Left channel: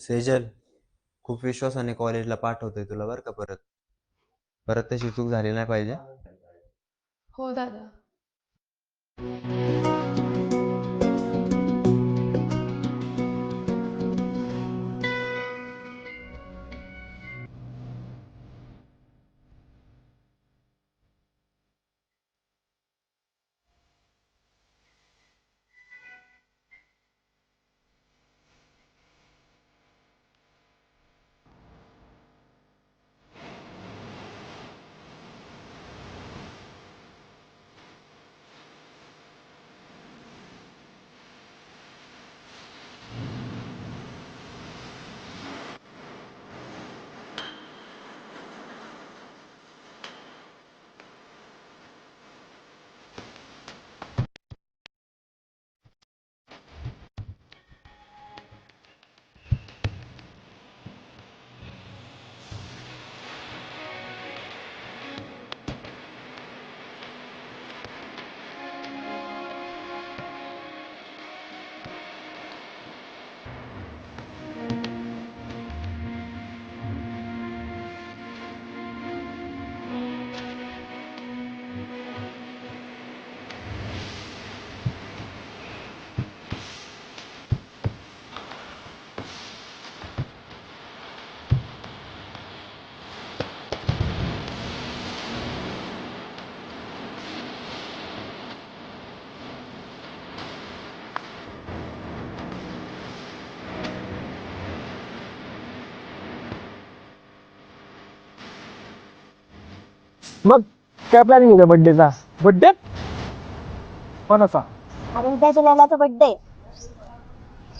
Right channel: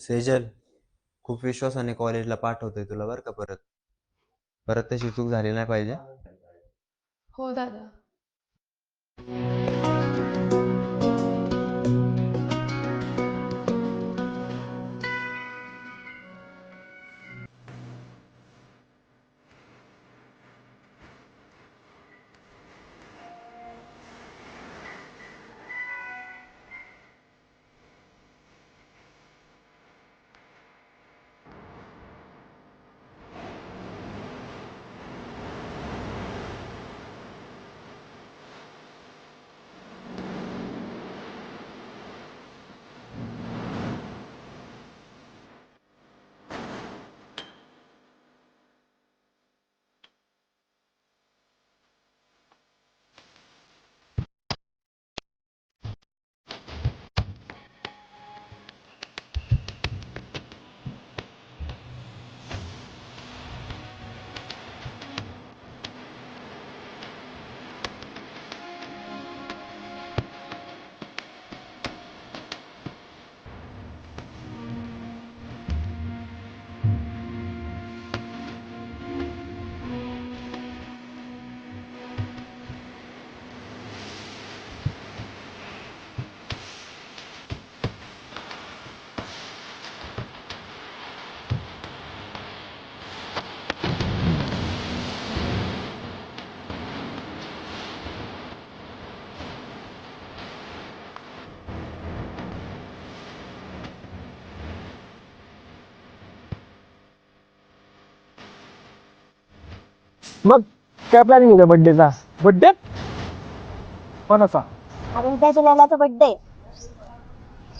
सेजल, खूप विश्वासाने कॉलेजला पाठवतोय तुला बरं का परत. परत तशी चूक झाली नाही पाहिजे. हो दादा. मग काय प्लॅनिंग आहे बर्थडेचा? बर्थडे कोणाचा? अरे उद्याच्या लैलाचा बर्थडे.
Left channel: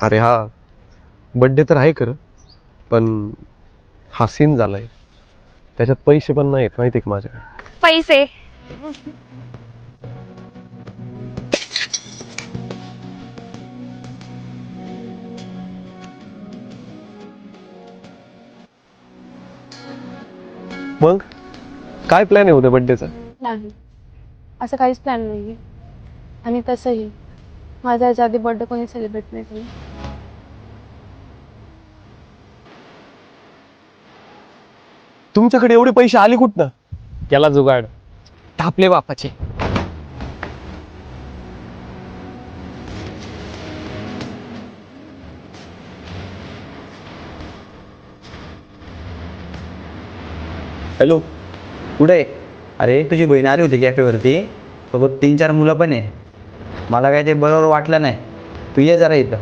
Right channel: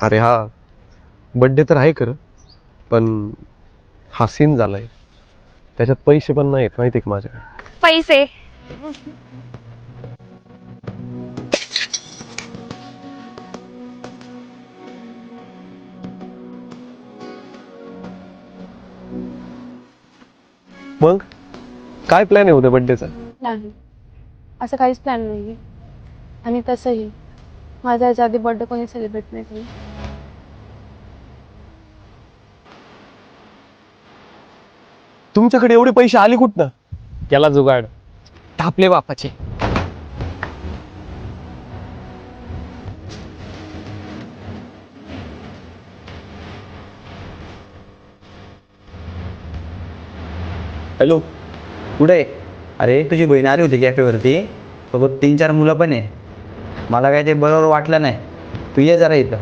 अरे हा, बड्डे तर आहे खरं, पण हा सीन झालाय, त्याच्यात पैसे पण नाहीत माहिती का माझ्याकडे. पैसे मग काय प्लॅन आहे उद्या बड्डेचा? नाही, असं काहीच प्लॅन नाही. आणि तसंही माझा याच्या आधी बर्थडे कोणी सेलिब्रेट नाही केला. तुमच्याकडे एवढे पैसे आले कुठनं? केला जुगाड, टापले बापाचे. हॅलो, कुठे आहे? अरे तुझी बहीण आली होती कॅफेवरती, सोबत 3-4 मुलं पण आहे. मला काय ते बरोबर वाटलं नाही. तू ये जरा इथं.